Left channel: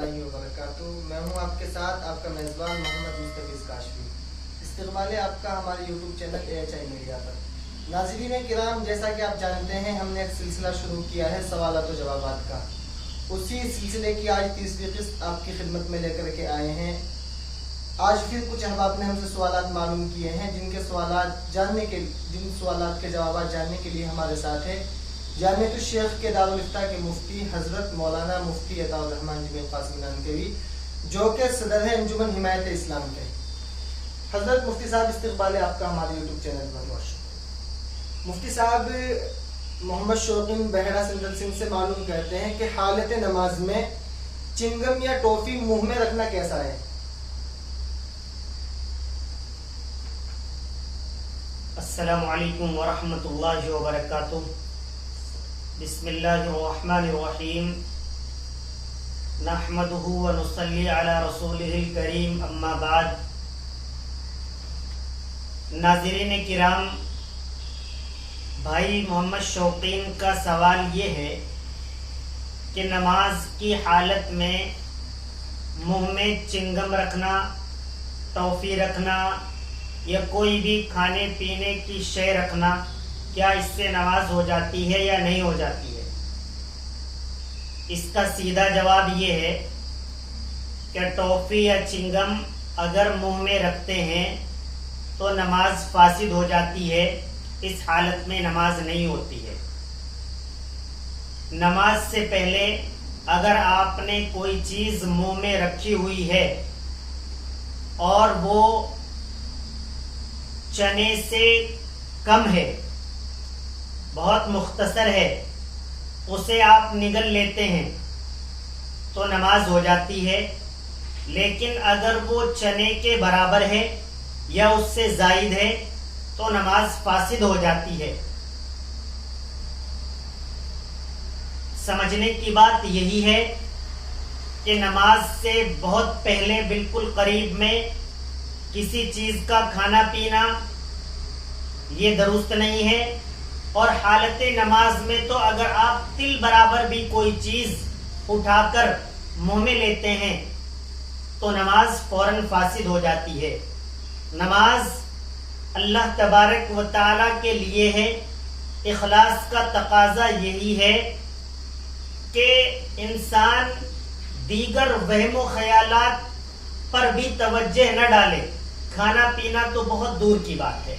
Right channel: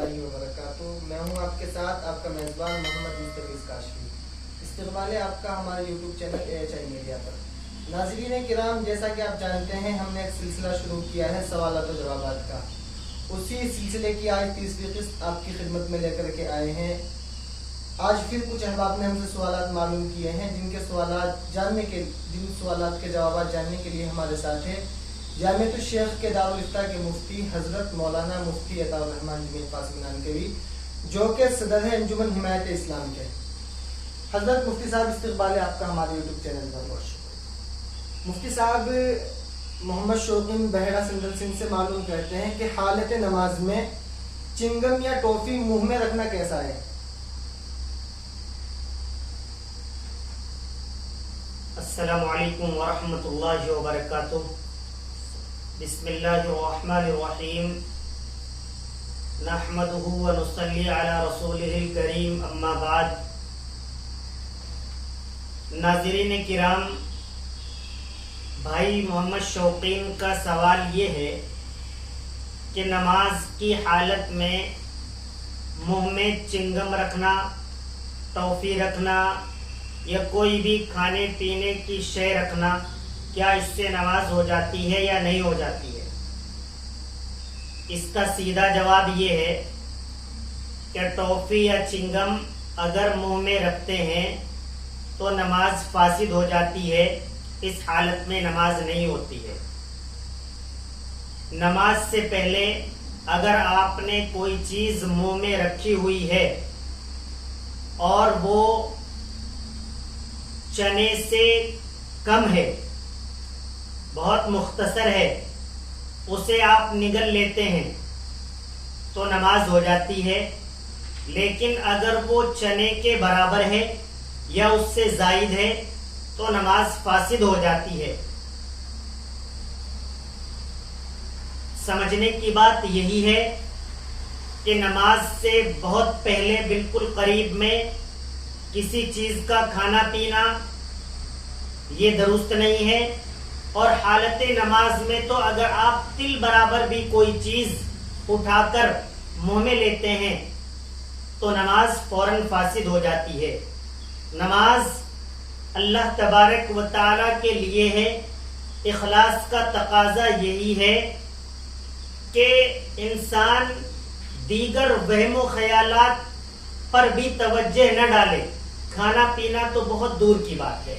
اللہ وبرکاتہ۔ میں ہوں آپ کے ساتھ آپ کا میزبان محمد مستفیض کاشفی۔ استقبال ہے آپ کا ہمارے یوٹیوب چینل AHI میڈیا پر۔ ناظرین کرام، جیسا کہ آپ جانتے ہیں ہم نے ایک سلسلہ شروع کیا ہے سوالات و جوابات کا۔ اسی سلسلے کی آج تیسری قسط آپ کی خدمت میں لے کر کے آئے ہیں۔ آج پھر کچھ احباب نے ہم سے سوالات معلوم کیے ہیں جن سوالات کے جوابات جاننے کے لیے ہمارے ساتھ ہیں جامعۃ الشیخ کے دارالفتہ کے مفتی حضرت مولانا مفتی عطاء الرحمن جمیل قاسمی نانوتوی، جو کہ صدر ہے انجمن حمایت اسلام کے۔ حضرت مفتی صاحب، استقبال ہے آپ کا ہمارے یوٹیوب چینل پر۔ بہت شکریہ مفتی صاحب۔ محمد شوقین بحیرہ سندل سنگھ سے معلوم کرتے ہیں کہ حالت نماز میں چنگم یا ٹوفی منہ میں رکھنا کیسا ہے؟ السلام علیکم ورحمۃ اللہ وبرکاتہ۔ بسم اللہ الرحمن الرحیم، نحمدہ ونصلی علی رسولہ الکریم، اما بعد۔ ناظرین کرام، بھائی محمد شوقین کا سوال یہ ہے کہ نماز کی حالت میں منہ میں چنگم رکھنا، ٹافی رکھنا یا کوئی بھی کھانے پینے کی شے رکھنا، کیا اس سے نماز ہو جاتی ہے یا نہیں ہو جاتی ہے؟ اس کا سیدھا جواب یہ ہے کہ ٹافی یا چنگم اگر منہ میں رکھتے ہیں تو نماز فاسد ہو جاتی ہے، اس حالت میں نماز نہیں ہوتی ہے۔ نماز سے پہلے اگر آپ نے کوئی چیز منہ میں رکھی ہوئی ہے اور وہ چنے سے کم ہے، بہت مختصر ہے، اسے آپ نگل لیتے ہیں تو نماز ہو جاتی ہے۔ لیکن اگر وہ چنے کے برابر ہے یا اس سے زائد ہے تو نماز فاسد ہو جاتی ہے۔ سمجھنے کی بات یہی ہے کہ نماز سے بہت پہلے بالکل قریب میں کسی چیز کا کھانا پینا یہ درست نہیں ہے، اور حالت نماز میں تو اگر آپ تل برابر بھی کوئی چیز اٹھا کر منہ میں لیتے ہیں تو نماز فوراً فاسد ہو جاتی ہے۔ نماز اللہ تبارک و تعالی کے لیے ہے، اخلاص کا تقاضا یہی ہے کہ انسان دیگر وہم و خیالات پر بھی توجہ نہ ڈالے، کھانا پینا تو بہت دور کی بات ہے۔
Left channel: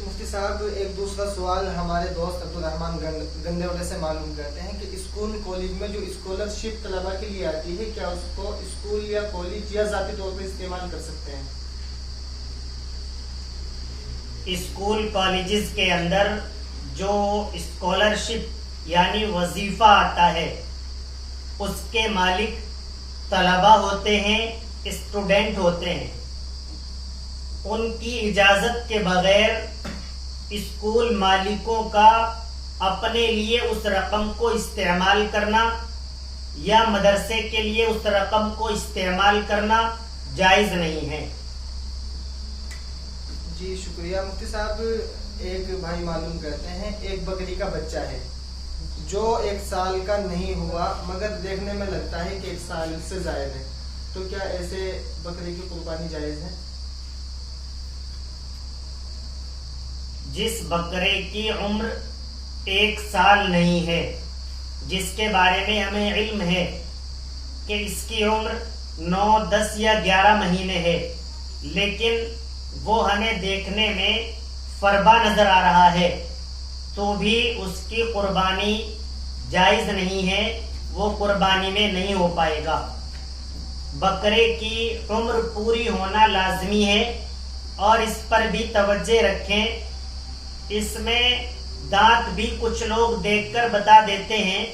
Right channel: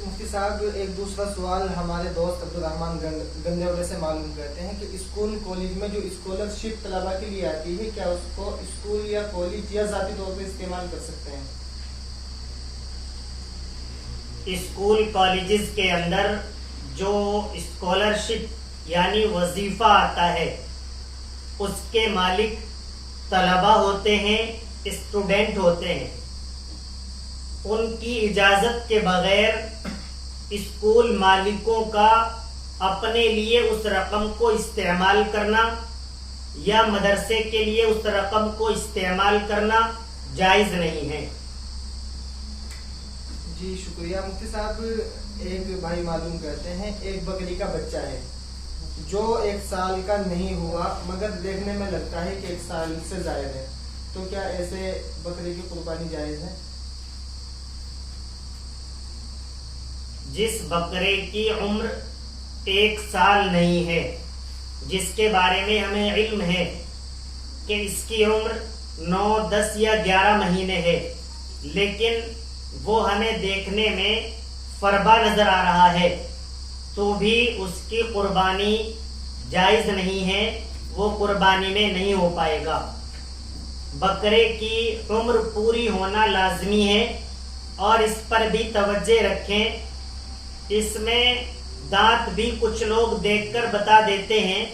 مفتی صاحب، ایک دوسرا سوال ہمارے دوست عبدالرحمن گندے والے سے معلوم کرتے ہیں کہ اسکول کالج میں جو اسکالرشپ طلباء کے لیے آتی ہے، کیا اس کو اسکول یا کالج یا ذاتی طور پر استعمال کر سکتے ہیں؟ اسکول کالجز کے اندر جو اسکالرشپ یعنی وظیفہ آتا ہے، اس کے مالک طلباء ہوتے ہیں، اسٹوڈنٹ ہوتے ہیں۔ ان کی اجازت کے بغیر اسکول مالکوں کا اپنے لیے اس رقم کو استعمال کرنا یا مدرسے کے لیے اس رقم کو استعمال کرنا جائز نہیں ہے۔ جی شکریہ مفتی صاحب۔ ایک بھائی معلوم کرتے ہیں ایک بکری کا بچہ ہے جو 1 سال کا نہیں ہوا مگر دیکھنے میں لگتا ہے کہ 1 سال سے زائد ہے، تو کیا ایسے بکری کی قربانی جائز ہے؟ جس بکرے کی عمر 1 سال نہیں ہے، جس کے بارے میں ہمیں علم ہے کہ اس کی عمر 9، 10 یا 11 مہینے ہے، لیکن وہ ہمیں دیکھنے میں فربا نظر آ رہا ہے، تو بھی اس کی قربانی جائز نہیں ہے، وہ قربانی میں نہیں ہو پائے گا۔ بکرے کی عمر پوری ہونا لازمی ہے، اور اس پر بھی توجہ رکھیں۔ اس میں دانت بھی کچھ لوگ دیکھ کر بتا دیتے ہیں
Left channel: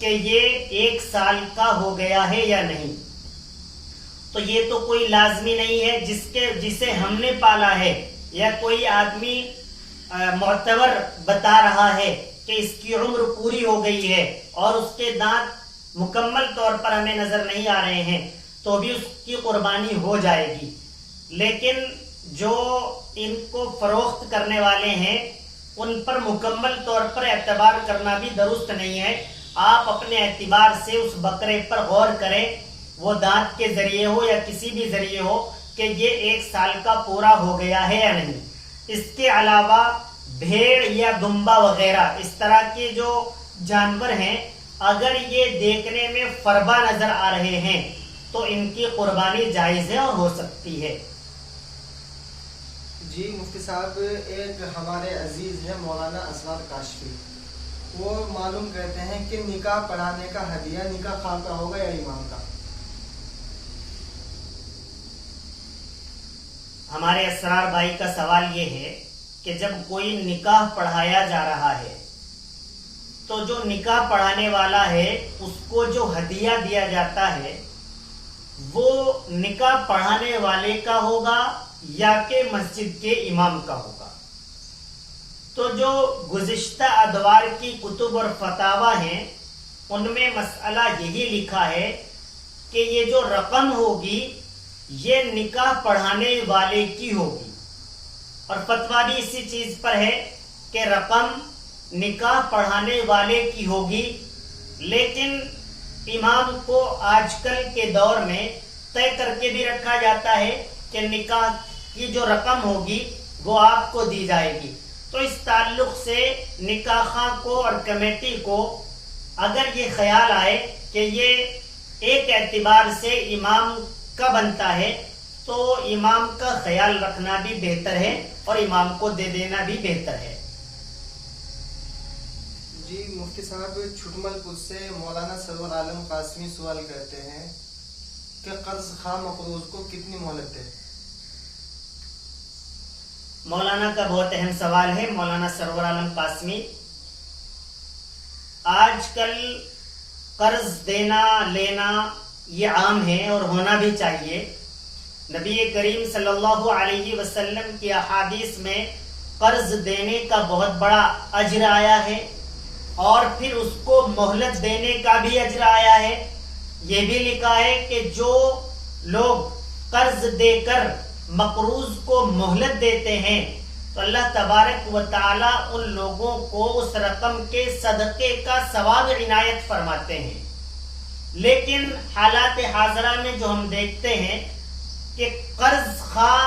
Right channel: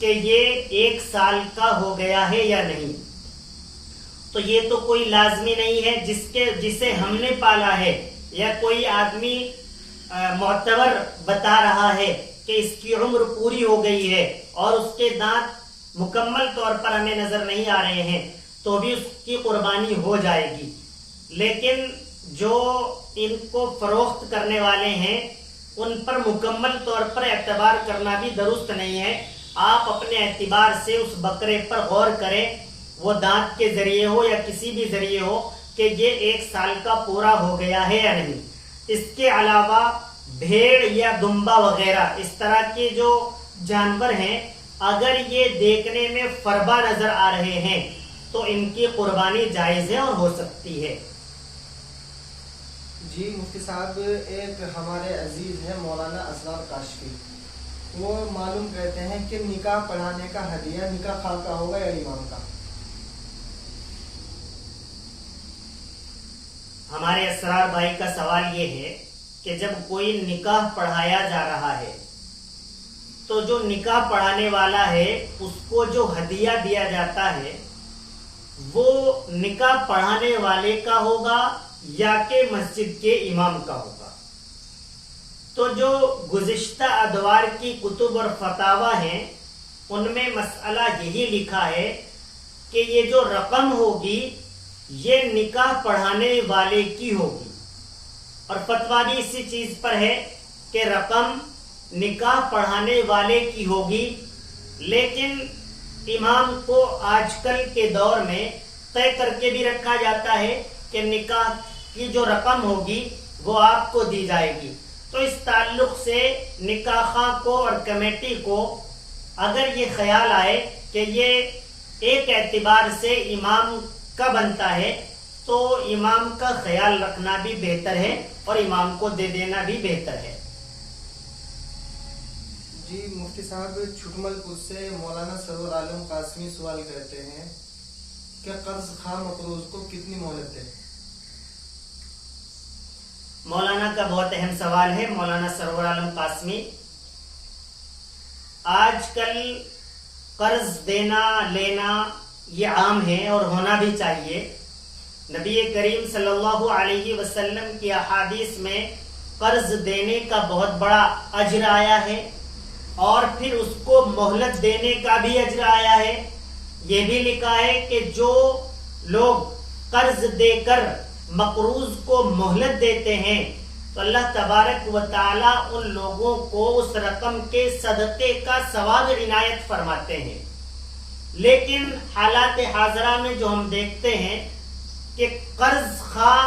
کہ یہ 1 سال کا ہو گیا ہے یا نہیں، تو یہ تو کوئی لازمی نہیں ہے جسے ہم نے پالا ہے یا کوئی آدمی معتبر بتا رہا ہے کہ اس کی عمر پوری ہو گئی ہے اور اس کے دانت مکمل طور پر ہمیں نظر نہیں آ رہے ہیں، تو بھی اس کی قربانی ہو جائے گی۔ لیکن جو ان کو فروخت کرنے والے ہیں ان پر مکمل طور پر اعتبار کرنا بھی درست نہیں ہے، آپ اپنے اعتبار سے اس بکرے پر غور کریں، وہ دانت کے ذریعے ہو یا کسی بھی ذریعے ہو، کہ یہ 1 سال کا پورا ہو گیا ہے یا نہیں۔ اس کے علاوہ بھیڑ یا دمبا وغیرہ اس طرح کے جو جانور ہیں، اگر یہ دیکھنے میں فربا نظر آ رہے ہیں تو ان کی قربانی جائز ہے اور ہو سکتی ہے۔ جی مفتی صاحب، ایک ہمارے عزیز ہیں مولانا اسرار کاشفی، وہ معلوم کرتے ہیں کہ نکاح پڑھانے کا ہدیہ نکاح خواہ کا ہوگا یا امام کا؟ ہمارے اسرار بھائی کا سوال یہ ہے کہ جب کوئی نکاح پڑھایا جا رہا ہے تو جو نکاح پڑھانے والا ہے اس کو جو ہدیہ دیا جاتا ہے وہ نکاح پڑھانے والے کا ہوگا یا کہ مسجد کے امام کا ہوگا؟ تو جو گزشتہ ادوار کی کتب اور فتاوی ہیں ان میں مسئلہ یہی لکھا ہے کہ یہ جو رقم ہوگی یہ نکاح پڑھانے والے کی ہوگی، اور فتویٰ بھی اسی چیز پر ہے کہ رقم نکاح پڑھانے والے کی ہوگی، لیکن امام کو آج کل کے دور میں طے کر کے بھی رکھا جاتا ہے کہ نکاح کی جو رقم ہوگی وہ آپ کو دی جائے گی۔ تو اس تعلق سے نکاح خواہ کو اور کمیٹی کو اگر یہ خیال آئے کہ یہ ایک اعتبار سے امام کا بنتا ہے تو امام کا خیال رکھنا بھی بہتر ہے اور امام کو دے دینا بھی بہتر ہے۔ جی مفتی صاحب، چھٹمل پور سے مولانا سرور عالم قاسمی سوال کرتے ہیں کہ قرض خواہ مقروض کو کتنی مہلت دے؟ مولانا کا بہت اہم سوال ہے مولانا سرور عالم قاسمی۔ آج کل قرض دینا لینا یہ عام ہے اور ہونا بھی چاہیے۔ نبی کریم صلی اللہ علیہ وسلم کی احادیث میں قرض دینے کا بہت بڑا اجر آیا ہے اور پھر اس کو مہلت دینے کا بھی اجر آیا ہے۔ یہ بھی لکھا ہے کہ جو لوگ قرض دے کر مقروض کو مہلت دیتے ہیں تو اللہ تبارک و تعالی ان لوگوں کو اس رقم کے صدقے کا ثواب عنایت فرماتے ہیں۔ لیکن حالات حاضرہ میں جو ہم دیکھتے ہیں کہ قرض خواہ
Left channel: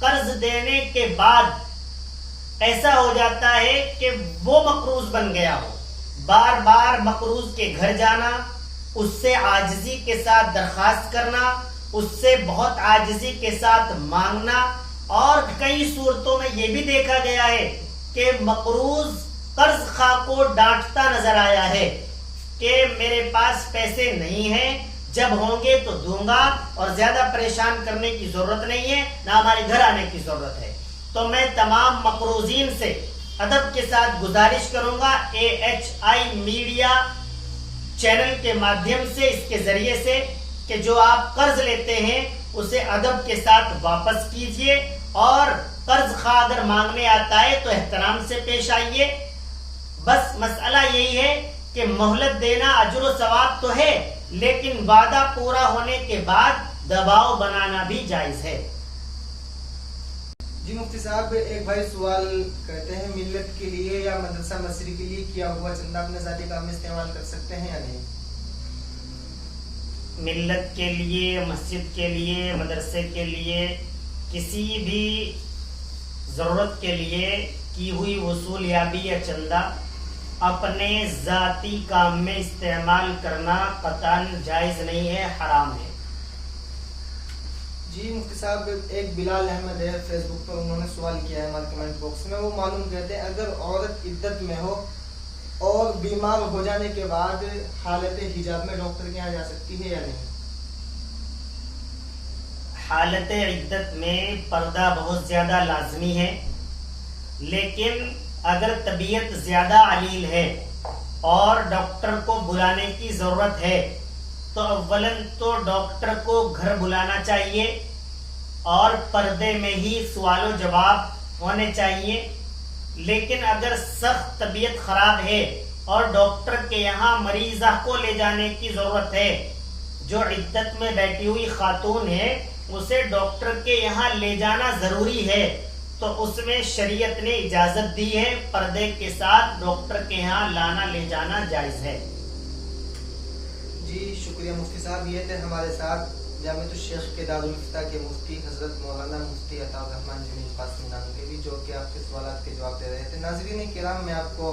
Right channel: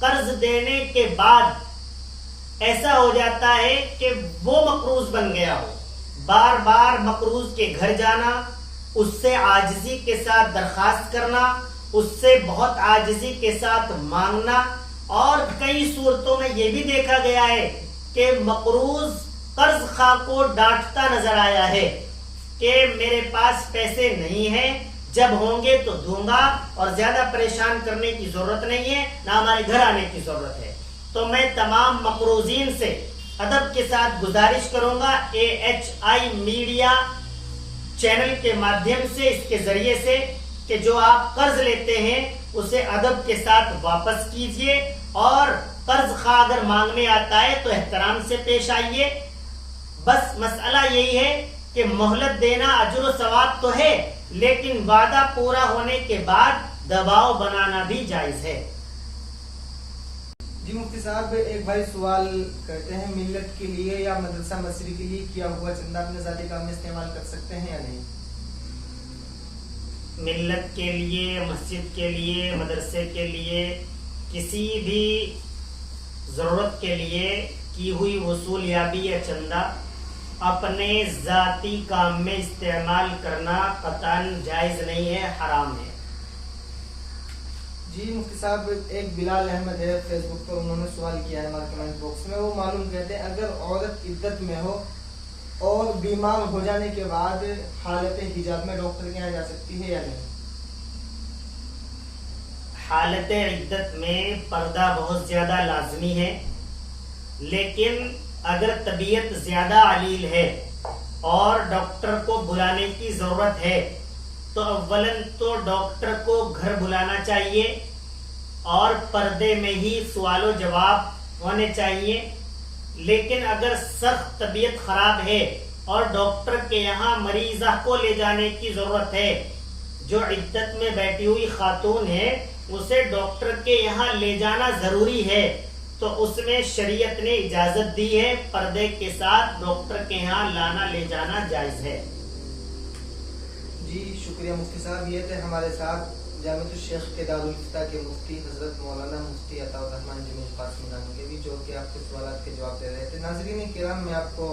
قرض دینے کے بعد ایسا ہو جاتا ہے کہ وہ مقروض بن گیا ہو، بار بار مقروض کے گھر جانا، اس سے عاجزی کے ساتھ درخواست کرنا، اس سے بہت عاجزی کے ساتھ مانگنا، اور کئی صورتوں میں یہ بھی دیکھا گیا ہے کہ مقروض قرض خواہ کو ڈانٹتا نظر آیا ہے کہ میرے پاس پیسے نہیں ہیں، جب ہوں گے تو دوں گا، اور زیادہ پریشان کرنے کی ضرورت نہیں ہے، نہ ہمارے گھر آنے کی ضرورت ہے۔ تو میں تمام مقروضین سے ادب کے ساتھ گزارش کروں گا AHI میڈیا چینل کے مادھیم سے، اس کے ذریعے سے، کہ جو آپ قرض لیتے ہیں اسے ادب کے ساتھ واپس کیجئے، اور قرض خواہ اگر مانگنے آتا ہے تو احترام سے پیش آئیے۔ بس مسئلہ یہی ہے کہ مہلت دینا اجر و ثواب تو ہے، لیکن وعدہ پورا ہونے کے بعد دباؤ بنانا بھی جائز ہے۔ جی مفتی صاحب، ایک بھائی سوال کرتے ہیں ملت کے لیے یا مدرسہ مسجد کے لیے کیا ہوا چندہ اپنے ذاتی کام میں استعمال کر سکتے ہیں یا نہیں؟ ملت کے لیے، مسجد کے لیے، مدرسے کے لیے، کسی بھی ضرورت کے لیے کی ہوئی وصولیابی یا چندہ اپنے ذاتی کام میں استعمال کرنا قطعاً جائز نہیں ہے، حرام ہے۔ جی مفتی صاحب، ایک بلال احمد ہے فیس بک پر، انہوں نے سوال کیا ہے ہمارے کمنٹ باکس میں، وہ معلوم کہتے ہیں اگر عورت عدت میں ہو اور بیمار ہو جانے کے بعد حالت حجاب میں ڈاکٹر کے یہاں جا سکتی ہے یا نہیں؟ حالت عدت میں پردہ بہت زیادہ لازمی ہے، لیکن اگر طبیعت زیادہ علیل ہے اور ڈاکٹر کو بلانے کی ضرورت ہے تو اولاً تو ڈاکٹر کو گھر بلانا چاہیے اور پردے میں ہی سوال و جواب ہونے چاہیے۔ لیکن اگر سخت طبیعت خراب ہے اور ڈاکٹر کے یہاں مریضہ کو لے جانے کی ضرورت ہے، جو عدت میں بیٹھی ہوئی خاتون ہے اسے ڈاکٹر کے یہاں لے جانا ضروری ہے، تو اس میں شریعت نے اجازت دی ہے، پردے کے ساتھ ڈاکٹر کے یہاں لانا لے جانا جائز ہے۔ جی شکریہ مفتی صاحب. یہ تھے ہمارے ساتھ جامعۃ الشیخ کے دارالفتہ کے مفتی حضرت مولانا مفتی عطا الرحمن جمیل قاسمی نانوتوی، جو کہ آپ کے سوالات کے جواب دے رہے تھے. ناظرین کرام، میں آپ کو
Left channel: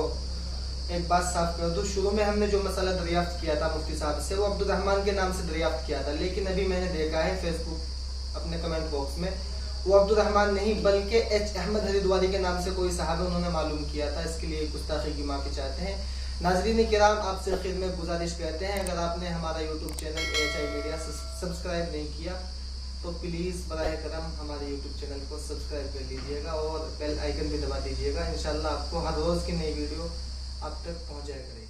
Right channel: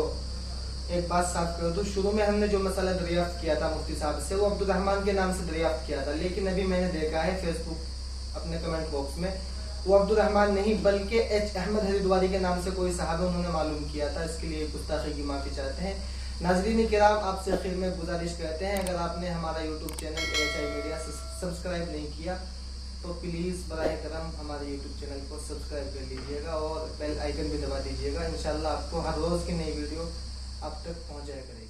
ایک بات صاف کر دوں. شروع میں ہم نے جو مسئلہ دریافت کیا تھا مفتی صاحب سے، وہ عبد الرحمن کے نام سے دریافت کیا تھا، لیکن ابھی میں نے دیکھا ہے فیس بک اپنے کمنٹ باکس میں وہ عبد الرحمن نہیں بلکہ ایچ احمد ہریدواری کے نام سے کوئی صاحب ہے، انہوں نے معلوم کیا تھا. اس کے لیے گستاخی کی معافی چاہتے ہیں. ناظرین کرام، آپ سے آخر میں گزارش کرتے ہیں، اگر آپ نے ہمارا YouTube channel AHI media subscribe نہیں کیا تو پلیز براہ کرم ہمارے یوٹیوب چینل کو سبسکرائب کر لیجیے گا اور بیل آئیکن بھی دبا دیجیے گا. انشاءاللہ آپ کو ہر روز کی نئی ویڈیو آپ تک پہنچ جائے کرے.